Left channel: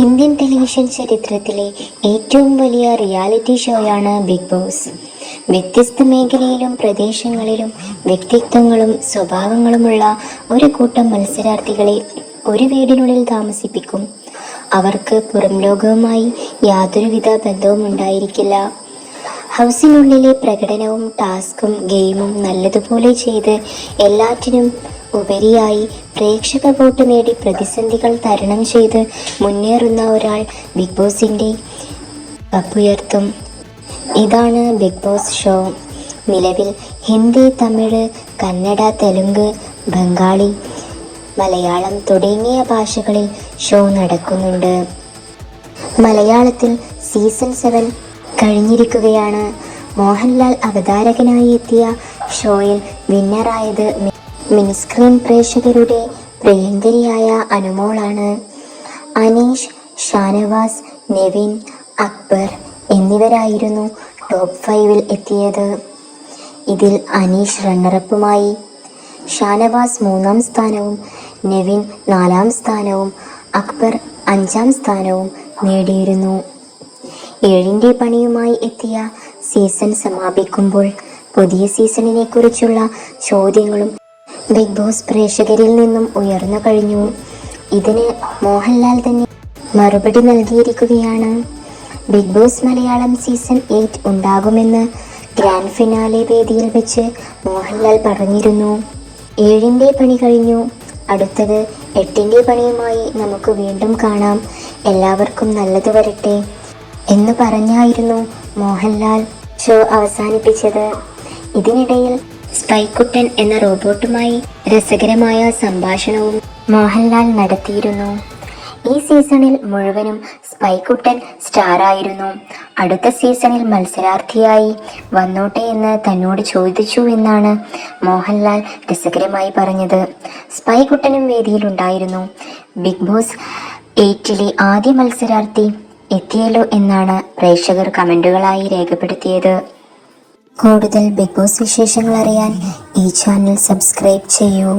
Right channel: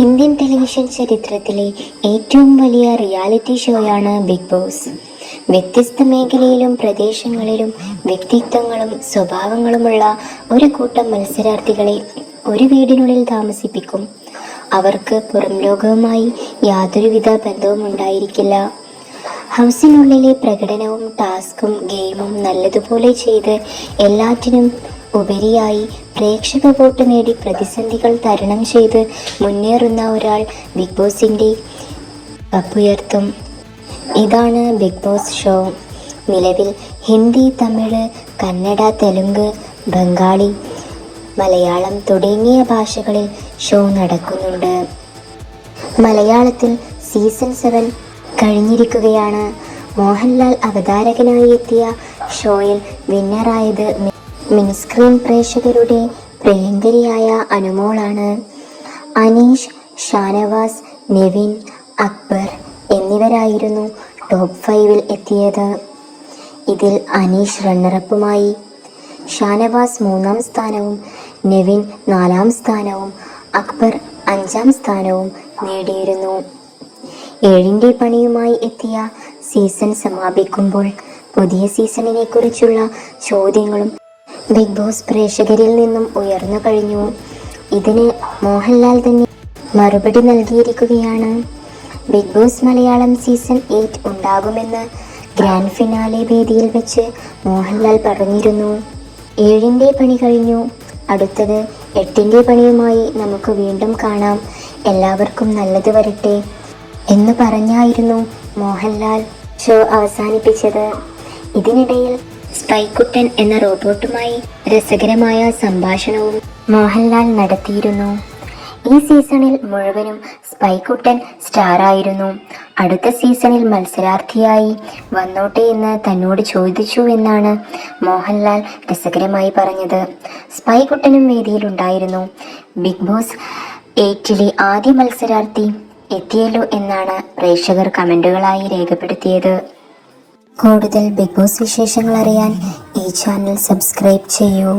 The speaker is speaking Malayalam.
ഇന്ത്യൻ ടെലിവിഷൻ ചരിത്രത്തിലെ ഏറ്റവും വലിയ റിയാലിറ്റി ഷോയാണ് ബിഗ് ബോസ്. വ്യത്യസ്ത മേഖലയിലും പ്രദേശങ്ങളിലും വ്യക്തിത്വങ്ങളും സ്വഭാവങ്ങളുമുള്ള ഒരു കൂട്ടം മത്സരാർത്ഥികളെ ഒരു വീടിനുള്ളിൽ താമസിപ്പിക്കും. അവർക്ക് പുറം ലോകവുമായി യാതൊരുവിധ ബന്ധവും ഉണ്ടായിരിക്കില്ല ഹൗസിനുള്ളിലെ പ്രകടനവും ടാസ്കും ഗെയിമും നല്ലതുപോലെ ചെയ്ത് എല്ലാറ്റിനും ഉപരിയായി പ്രേക്ഷക വോട്ട് നേടി പ്രതിസന്ധികൾ തരണം ചെയ്ത് മുന്നേറുന്ന ഒരാൾ ബിഗ് ബോസിന്റെ കപ്പുയർത്തും ഇതാണ് ബിഗ് ബോസ് ഷോ. നിലവിൽ ഹിന്ദി തമിഴ് കന്നഡ തെലുങ്ക് ബംഗാളി മലയാളം തുടങ്ങിയ ഭാഷകളിൽ ഷോ നടക്കുന്നുണ്ട്. മലയാളത്തിൽ സീസൺ സെവൻ കഴിഞ്ഞിരിക്കുകയാണ്. മോഹൻലാൽ അവതാരകനായി എത്തിയ ഷോയിൽ വിന്നറായത് മിനിസ്ക്രീൻ പ്രേക്ഷകരുടെ പ്രിയങ്കരിയായ അനുമോളാണ്. അനീഷ് ഷാനവാസ് നെവിൻ അക്ബർ എന്നിവരായിരുന്നു ടോപ്പ് ഫൈവിൽ എത്തിയത്. ഇതിൽ അനീഷ് റണ്ണറപ്പുമായി. ഷാനവാസ് മൂന്നാം സ്ഥാനവും നെവിൻ നാലാം സ്ഥാനവും അക്ബർ അഞ്ചാം സ്ഥാനവും നേടിയിരുന്നു. ഏഴിന്റെ പണിയുമായി എത്തിയ സീസൺ സമാപിക്കുമ്പോൾ പുതിയ സീസണിനെ കുറിച്ചുള്ള ചോദ്യങ്ങളും ബിഗ് ബോസ് പ്രേക്ഷകരിൽ നിന്നും ഉയർന്നു കഴിഞ്ഞു. ഇതിന് മോഹൻലാൽ തന്നെ മറുപടി നൽകിയിരിക്കുകയാണ്. Bigg Boss Malayalam season eight ഉണ്ടാകുമെന്ന് ഗ്രാൻഡ് ഫിനാലെ വേദിയിൽ വെച്ച് മോഹൻലാൽ പറഞ്ഞിരുന്നു. ഏഴിന്റെ പണി കഴിഞ്ഞു. അടുത്തത് എട്ടിന്റെ പണിയുമായി നമുക്ക് വീണ്ടും കാണാം. എല്ലാവർക്കും നല്ലത് വരട്ടെ എന്ന് പറഞ്ഞായിരുന്നു മോഹൻലാൽ ഷോ അവസാനിപ്പിച്ചത്. ഇതിനിടയിൽ സ്പൈക്കുട്ടൻ എന്ന റോബോട്ടുമായി രസകരമായ സംഭാഷണവും മോഹൻലാൽ നടത്തിയിരുന്നു. ഈ സീസണിൽ മുഴുവനും സ്പൈക്കുട്ടൻ സ്റ്റാറായിരുന്നു. അടുത്ത സീസണിൽ മത്സരാർത്ഥിയായി വന്നോട്ടെ എന്ന് തന്നോട് ചോദിച്ചു എന്നാണ് മോഹൻലാൽ രസകരമായി പറഞ്ഞത്. സ്പൈക്കുട്ടനും വേദിയിലുണ്ടായിരുന്നു. ബിഗ് ബോസ് എയ്റ്റിലെ ആദ്യ മത്സരാർത്ഥി എത്തിയല്ലോ എന്നാണ് പ്രേക്ഷകർ കമന്റുകളായി രേഖപ്പെടുത്തിയത്. കൂടുതൽ ബിഗ് ബോസ് വിശേഷങ്ങൾ അറിയാൻ ഈ ചാനൽ സബ്സ്ക്രൈബ് ചെയ്യൂ.